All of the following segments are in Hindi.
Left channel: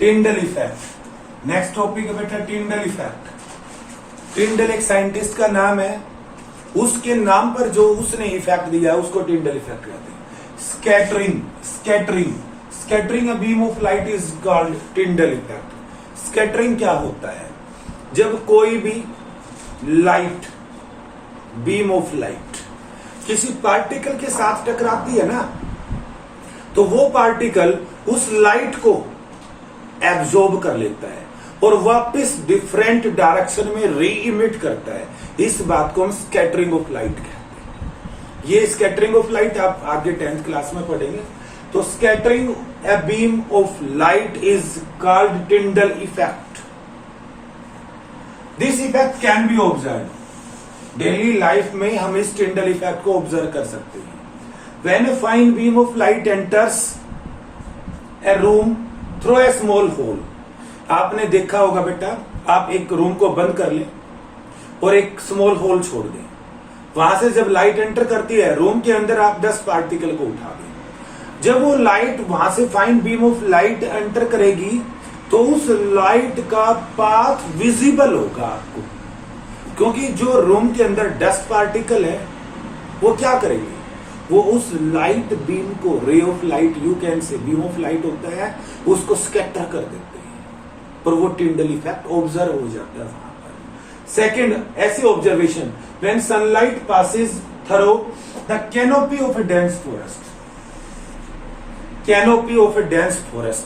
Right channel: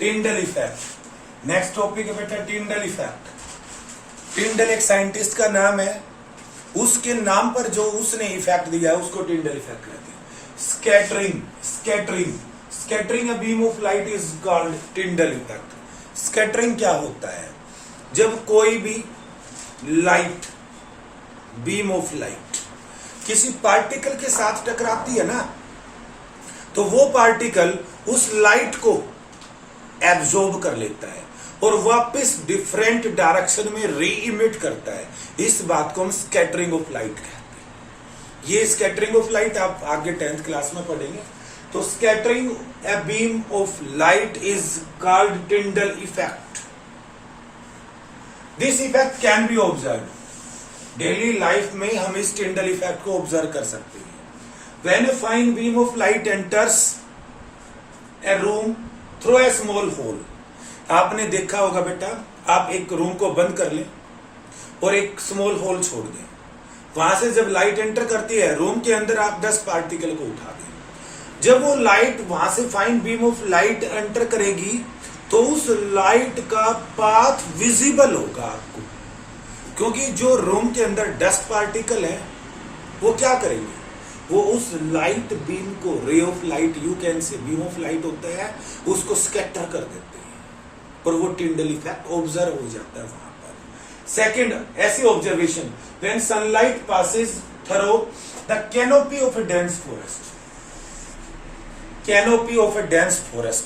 Tyndall effect. नेक्स्ट टॉपिक है बेटा टिंडल इफेक्ट। टिंडल एक साइंटिस्ट का नाम है, उसके नाम पर जो उसने इफेक्ट दिया है उसको टिंडल इफेक्ट कहते हैं। Scattering a beam of light is called Tyndall effect. Scattering क्या होता है? जब कोई भी लाइट, बीम ऑफ लाइट किसी पार्टिकल के साथ टकराती है ना, तो वो पार्टिकल उस लाइट को एब्जॉर्ब कर लेता है और वापस डिफरेंट डायरेक्शन में री इमिट करता है। इस बात को हम स्कैटरिंग ऑफ लाइट कहते हैं। ये स्कैटरिंग ऑफ लाइट आप आगे 10th क्लास में पढ़ेंगे। तो scattering a beam of light is called Tyndall effect. This effect can be observe. Daily life में हम इस टिंडल इफेक्ट को ऑब्जर्व कर सकते हैं। When a fine beam of light enters a room through a small hole. आपने देखा होगा बेटा, आप एक रूम को बंद कर लें और एक स्मॉल होल छोड़ दें, वहां से जब लाइट एंटर करती है रूम के अंदर, आप 10 पार्टिकल को उठा दें। जब वो लाइट वहां से fine beam of light enter करेगी तो उस लाइट का पाथ विजिबल होगा आपको, क्योंकि जो रूम के अंदर डस्ट पार्टिकल है वो क्या करेंगे, वो उस लाइट बीम को, ray of light you can say, beam of light होता है, उसको स्कैटर कर देते हैं और वो टिंडल इफेक्ट ऑब्जर्व हो जाता है वहां पर। सेकंड, ऐसी observation when sunlight passes through the canopy of A dense forest. Canopy of A dense forest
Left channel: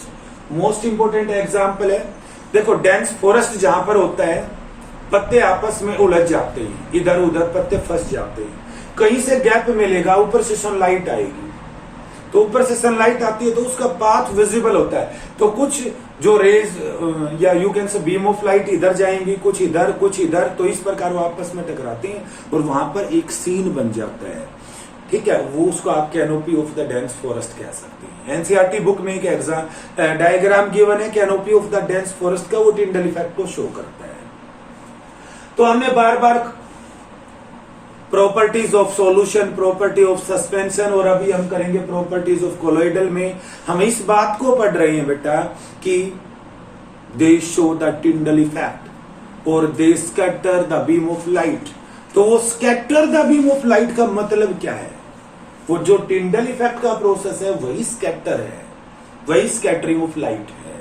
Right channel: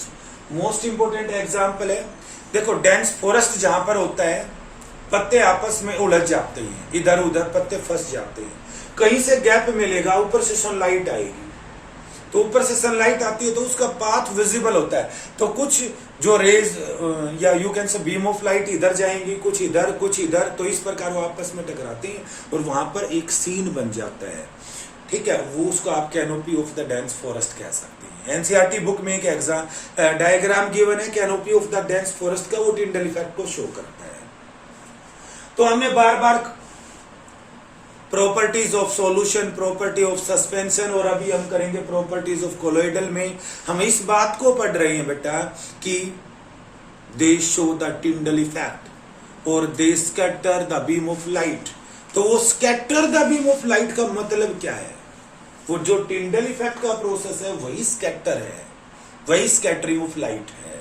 most important example है। देखो, डेंस फॉरेस्ट जहां पर होता है, पत्ते आपस में उलझ जाते हैं, इधर उधर पत्ते फंस जाते हैं, कहीं से गैप मिलेगा, ऊपर से सनलाइट आएगी, तो ऊपर से सनलाइट आती है तो उसका पाथ विजिबल होता है। तो कुछ जो रेज या you can say beam of light इधर जाएंगी, कुछ इधर कुछ इधर, तो इस प्रकार वो आपस में टकराते हैं और वहां पर एक सीन बन जाता है। ठीक है, वो उसको आप canopy of the dense forest कह सकते हैं। एनसीईआरटी बुक में एक एग्जाम डायग्राम गिवन है canopy of the dense forest का, वो टिंडल इफेक्ट को शो करता है। तो हमें बार बार properties of solution, property of suspension, और अभी हम करेंगे प्रॉपर्टीज ऑफ कोलोइडल में हम इस बात को पढ़ रहे हैं बेटा कि they show the Tyndall effect और they scatter the beam of light. तो वो scatter the beam of light का मतलब क्या है? वो जो टिंडल इफेक्ट का प्रोसेस है वही स्कैटर है, वही स्कैटरिंग ऑफ लाइट है।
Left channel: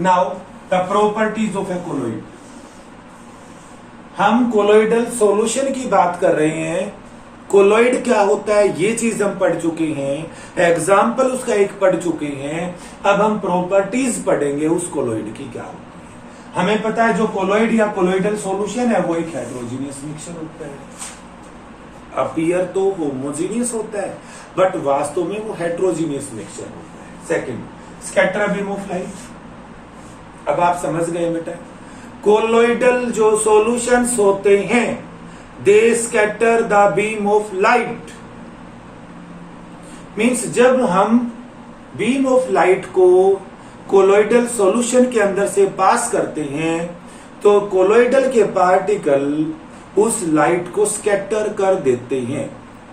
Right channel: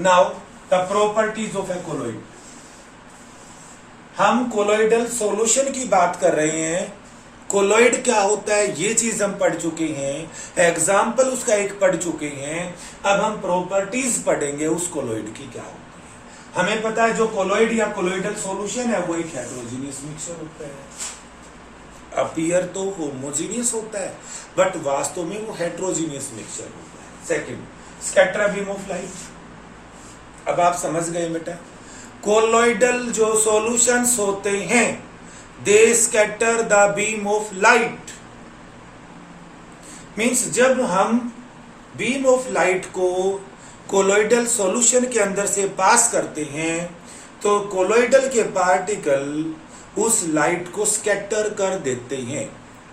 Now the properties of A colloid. हम कोलोइडल सॉल्यूशन की बात कर रहे हैं। कोलोइड क्या होता है ये चीज हम पढ़ चुके हैं, एग्जाम्पल उसका एक पढ़ चुके हैं। अब हम प्रॉपर्टीज पढ़ेंगे उस कोलोइड की क्या होती है। हमें पता है जो कोलोइड या कोलोइडल सॉल्यूशन है वो एक हेट्रोजीनियस मिक्सचर होता है। अपीयर तो होमोजीनियस होता है बट वास्तव में वो हेट्रोजीनियस मिक्सचर होता है। Second, scatter beam of light. अब आप समझ गए बेटा, कोलोइडल जो सॉल्यूशंस होते हैं they scatter the beam of light. Means जब हम बीम ऑफ लाइट को कोलोइडल सॉल्यूशन के अंदर से पास करते हैं तो कोलोइडल के पार्टिकल उस लाइट को स्कैटर कर देते हैं,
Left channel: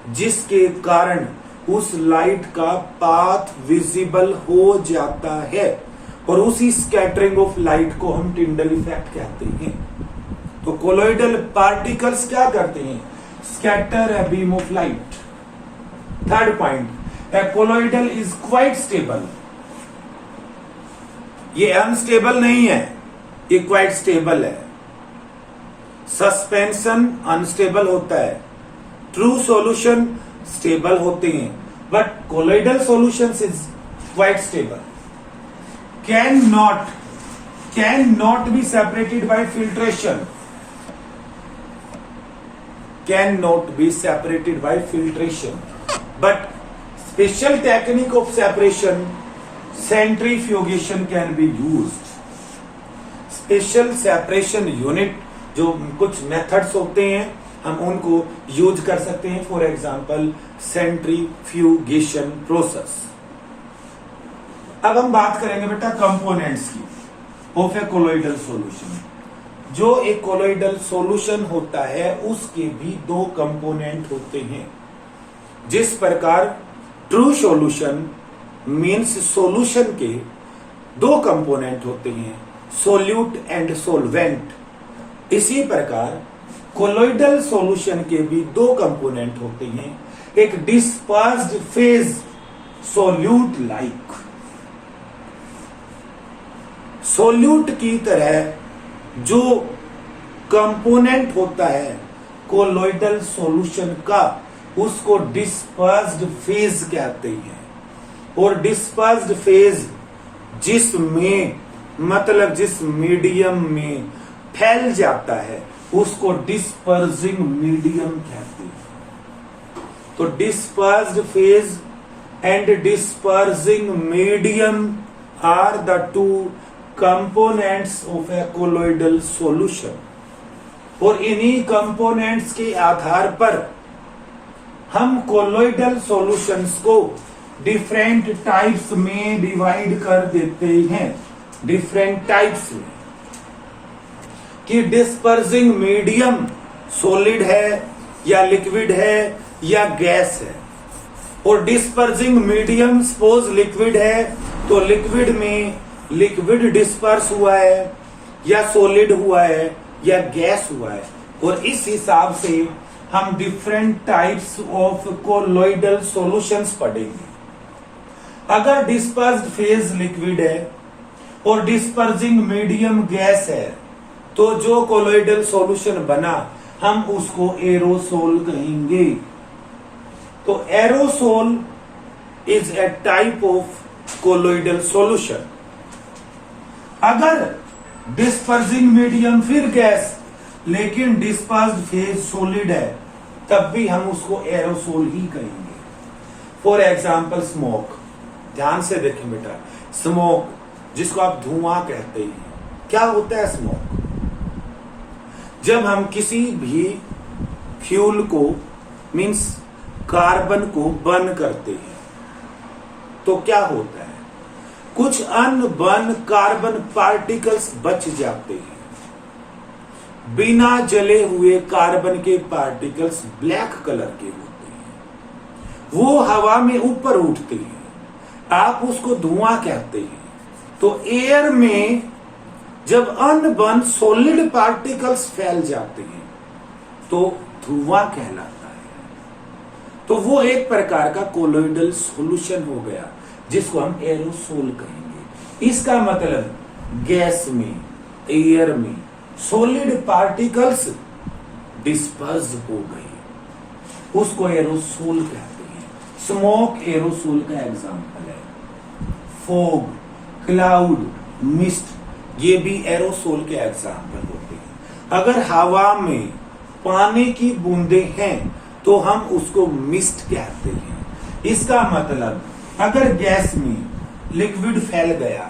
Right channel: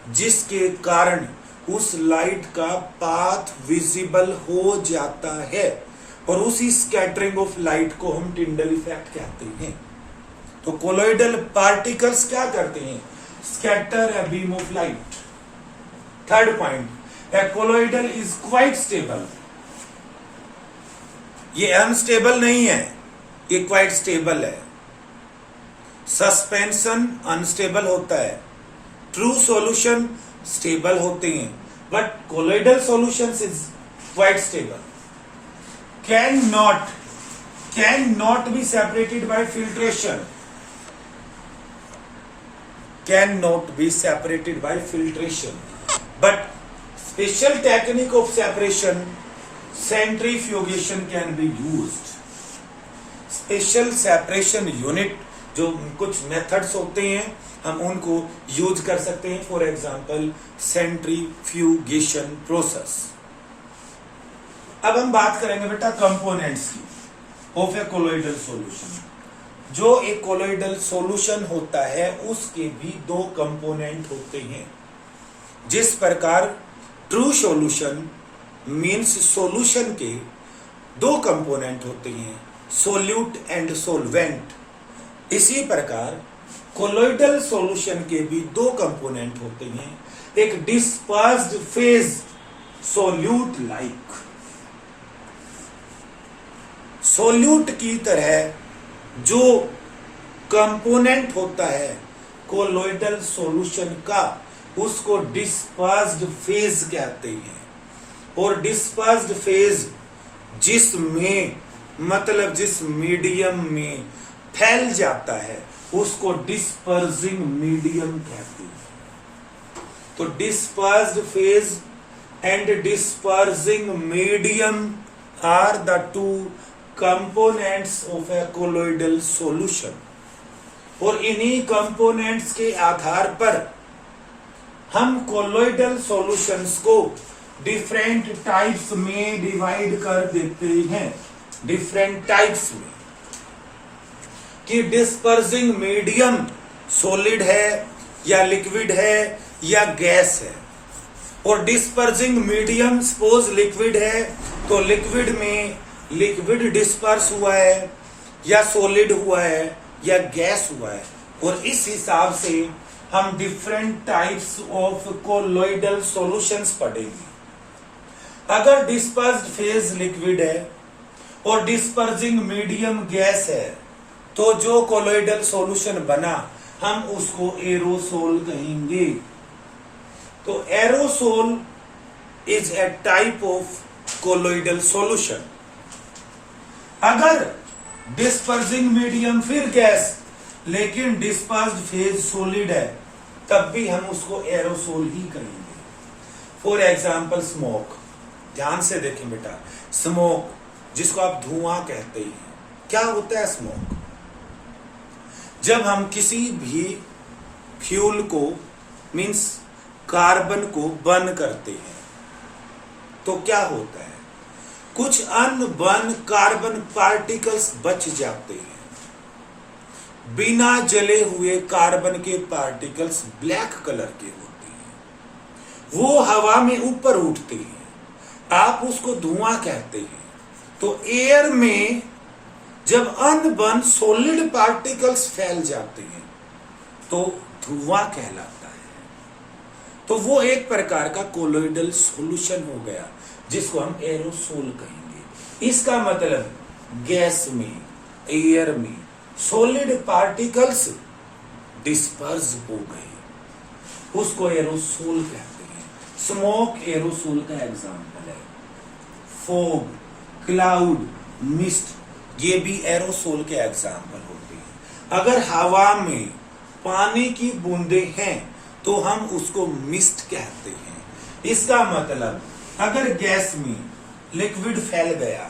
जिसके कारण उस लाइट का पाथ विजिबल हो जाता है और उसी स्कैटरिंग ऑफ लाइट को हम टिंडल इफेक्ट कहते हैं। तो कोलोइडल पार्टिकल्स क्या करते हैं? Scatter a beam of light. Third point, A colloidal is quite stable. ये अनस्टेबल नहीं है, ये क्वाइट स्टेबल है। सस्पेंशन अनस्टेबल होता है, ट्रू सॉल्यूशन स्टेबल होते हैं, but colloidal solution is quite stable. cannot be separated by filtration. Cannot be separated by filtration. But special technique of separation, centrifugation can be used. Special separation unit जो कुछ मेथड्स होते हैं हम उनको यूज कर सकते हैं। For example centrifugation process. अब हम बात करेंगे बेटा कंपोनेंट्स की ऑफ ए कोलोइडल सॉल्यूशन। जो एक कोलोइडल सॉल्यूशन होता है उसके भी दो कंपोनेंट होते हैं। जिस प्रकार ट्रू सॉल्यूशन मींस सॉल्यूशन के दो कंपोनेंट होते हैं, सोल्यूट एंड सोलवेंट। इसी प्रकार कोलोइडल सॉल्यूशन के भी दो कंपोनेंट होते हैं, एक dispersed phase solute like, solute की तरह जो कंपोनेंट होता है कोलोइडल सॉल्यूशन का, उसको डिस्पर्स्ड फेज कहते हैं। और डिस्पर्स्ड फेज जिसमें मतलब जिस मीडियम में फैल जाता है उसको डिस्पर्सिंग मीडियम कहते हैं। तो dispersed phase and dispersing medium are the two components of a colloidal solution. और इन्हीं कंपोनेंट्स के आधार पर हम कोलोइडल सॉल्यूशंस को डिफरेंट टाइप्स में डिवाइड कर देते हैं, डिफरेंट टाइप्स में, कि डिस्पर्सिंग मीडियम सॉलिड है या लिक्विड है या गैस है। और डिस्पर्सिंग मीडियम सपोज लिक्विड है तो लिक्विड में लिक्विड डिस्पर्स हुआ है या सॉलिड हुआ है या गैस हुआ है। और इस हिसाब से हम different types of colloidal solutions पढ़ेंगे। अगर डिस्पर्स्ड फेज लिक्विड है और डिस्पर्सिंग मीडियम गैस है तो जो कोलोइडल सॉल्यूशन बना हम उसको एरोसोल कहेंगे। तो aerosol is a type of colloidal solution. अगर डिस्पर्सिंग मीडियम फिर गैस लेकिन डिस्पर्स्ड फेज सॉलिड है तब भी हम उसको एरोसोल ही कहेंगे। फॉर एग्जाम्पल स्मोक, ध्यान से देखें बेटा, स्मोक जिसको आप धुआं कहते हैं, क्या होता है स्मोक? जब हम किसी भी फ्यूल को मींस कार्बन को बर्न करते हैं तो क्या होता है, कुछ अनबर्न कार्बन पार्टिकल्स बच जाते हैं। बिना जले हुए कार्बन के पार्टिकल्स ब्लैक कलर के होते हैं, वो हवा में ऊपर उठते हैं, आप उसको धुआं कहते हैं। तो एयर में जब अनबर्न सॉलिड पार्टिकल्स फैल जाते हैं तो धुआं कहलाता है। तो वो एक प्रकार का कोलोइडल सॉल्यूशन हो गया जिसको हम एरोसोल कहेंगे। इसका मतलब गैस में, एयर में सॉलिड पार्टिकल्स डिस्पर्स हो गए, उसको एरोसोल कहते हैं। स्मोक एरोसोल का एग्जांपल है। फॉग, क्लाउड, मिस्ट, ये भी एरोसोल के एग्जांपल होते हैं। अगर हवा में पानी की बूंदें हैं तो हम उसको मिस्ट कहते हैं। इसका मतलब अगर गैस में लिक्विड फैल गया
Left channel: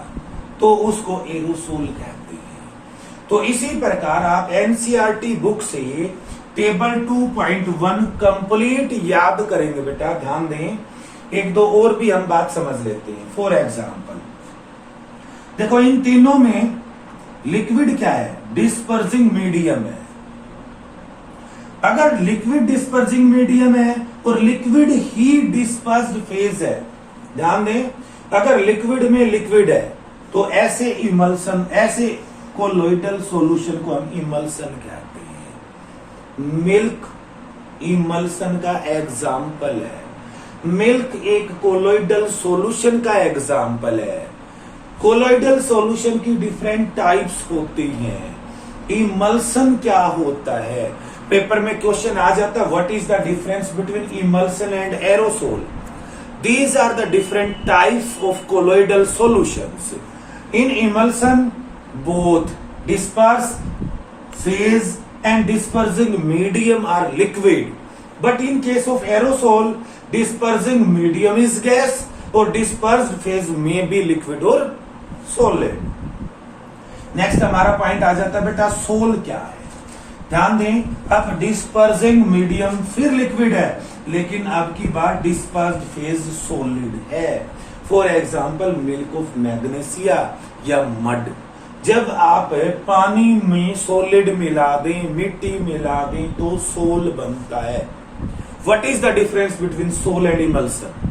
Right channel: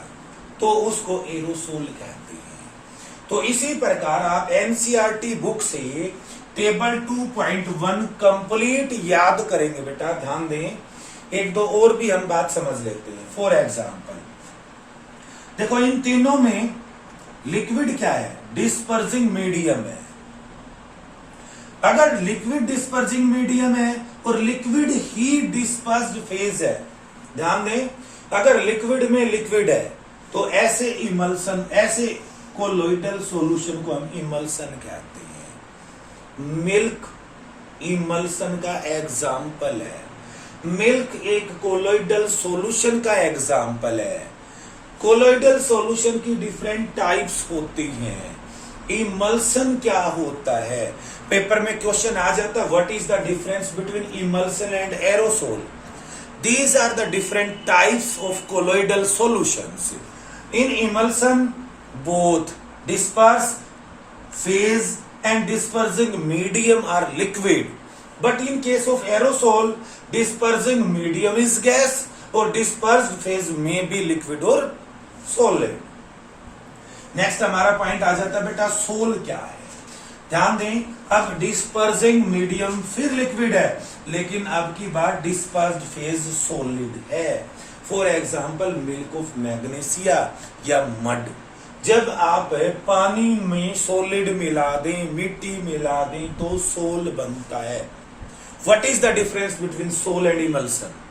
तो उसको एरोसोल कहते हैं। तो इसी प्रकार आप एनसीईआरटी बुक से टेबल 2.1 कंप्लीट याद करेंगे बेटा, ध्यान दें। एक दो और भी हम बात समझ लेते हैं। फॉर एग्जाम्पल देखो, इन तीनों में लिक्विड क्या है? डिस्पर्सिंग मीडियम है। अगर लिक्विड डिस्पर्सिंग मीडियम है और लिक्विड ही डिस्पर्स्ड फेज है, ध्यान दें, अगर लिक्विड में लिक्विड है तो ऐसे इमल्सन, ऐसे कोलोइडल सॉल्यूशन को हम इमल्सन कहते हैं। मिल्क इमल्सन का एग्जाम्पल है। मिल्क एक कोलोइडल सॉल्यूशन का एग्जाम्पल है। कोलोइडल सॉल्यूशन की डिफरेंट टाइप्स होती हैं। इमल्सन क्या होता है? पेपर में क्वेश्चन आ जाता है, what is the difference between emulsion and aerosol? These are the different types of colloidal solutions. In emulsion, both dispersed phase and dispersing medium are liquid. But in case of aerosol, dispersing medium is gas or dispersed phase may be liquid or solid. Next हमारा पॉइंट आ जाता है बेटा, सोल क्या है? ध्यान दें, अब डिस्पर्सिंग मीडियम फिर लिक्विड है लेकिन अब की बात डिस्पर्स्ड फेज सॉलिड है। For example milk of magnesia या मड। जब आप पानी में सॉलिड मिला दें, मिट्टी मिला दें तो सोल बनता है। What is the difference between sol and emulsion?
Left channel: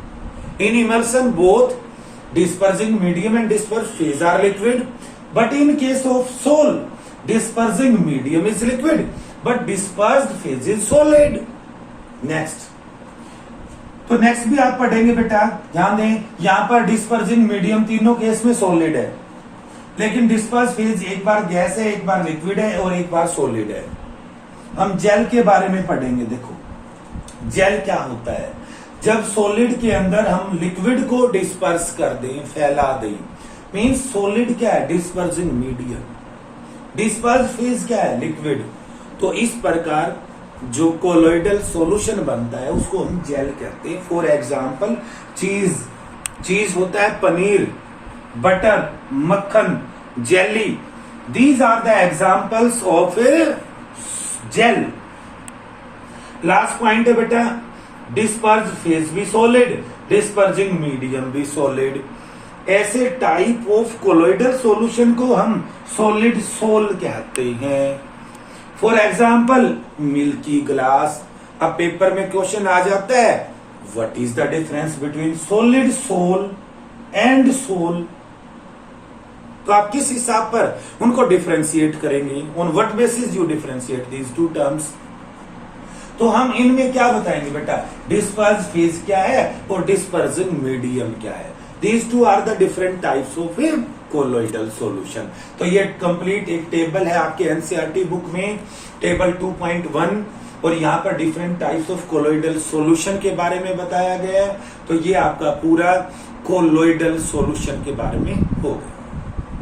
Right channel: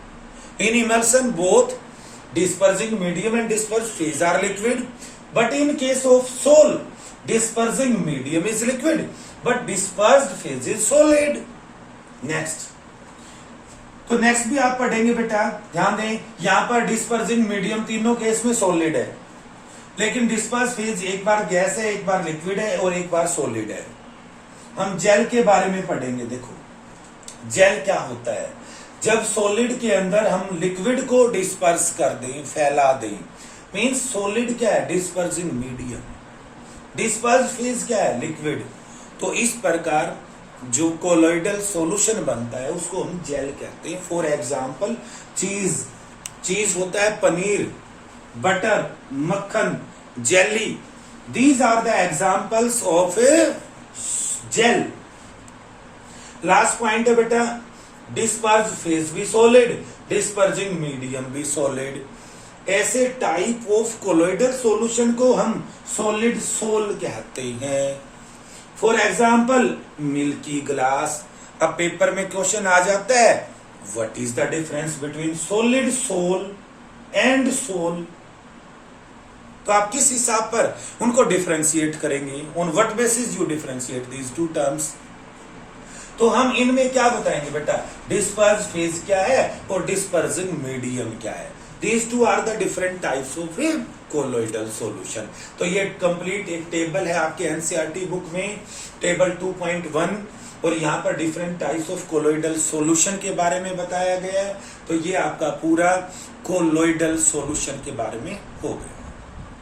In emulsion both dispersing medium and dispersed phase are liquid, but in case of sol, dispersing medium is liquid but dispersed phase is solid. Next, तो नेक्स्ट भी आप पढ़ेंगे बेटा, ध्यान दें, यहां पर डिस्पर्सिंग मीडियम तीनों केस में सॉलिड है, लेकिन डिस्पर्स फेज एक बार गैस है, एक बार लिक्विड है और एक बार सॉलिड है। हम जेल के बारे में पढ़ेंगे। देखो जेल क्या होता है, जब सॉलिड के अंदर हम लिक्विड को डिस्पर्स कर दें, फैला दें, मींस सॉलिड क्या है, डिस्पर्सिंग मीडियम, डिस्पर्स फेज क्या है, लिक्विड। तो इस प्रकार जो कोलोइडल सॉल्यूशन बनता है उसको हम जेल कहते हैं। फॉर एग्जांपल चीज होता है पनीर, बटर, मक्खन, jelly, these are the examples of a gel. Last point है बेटा, डिस्पर्स फेज भी सॉलिड, डिस्पर्सिंग मीडियम भी सॉलिड। ऐसे टाइप ऑफ कोलोइडल सॉल्यूशन को हम सॉलिड सोल कहते हैं। For example milky glass. अब पेपर में क्वेश्चन आ जाता है, what is the difference between solid sol and sol. तो आप किस हिसाब पर उनको डिफरेंशिएट करेंगे, on what basis you differentiate these two terms. तो हम इनमें क्या बताएंगे बेटा, डिस्पर्स फेज क्या है और डिस्पर्सिंग मीडियम क्या है। These two are the different types of a colloidal solution। तो ये कंप्लीट एक टेबल है आपके एनसीईआरटी बुक में, टेबल 2.1, और यहाँ पर different types of colloidal solution के बारे में बताया गया है। तो ये आपका पूरा कोलोइडल सॉल्यूशन के बारे में हो गया।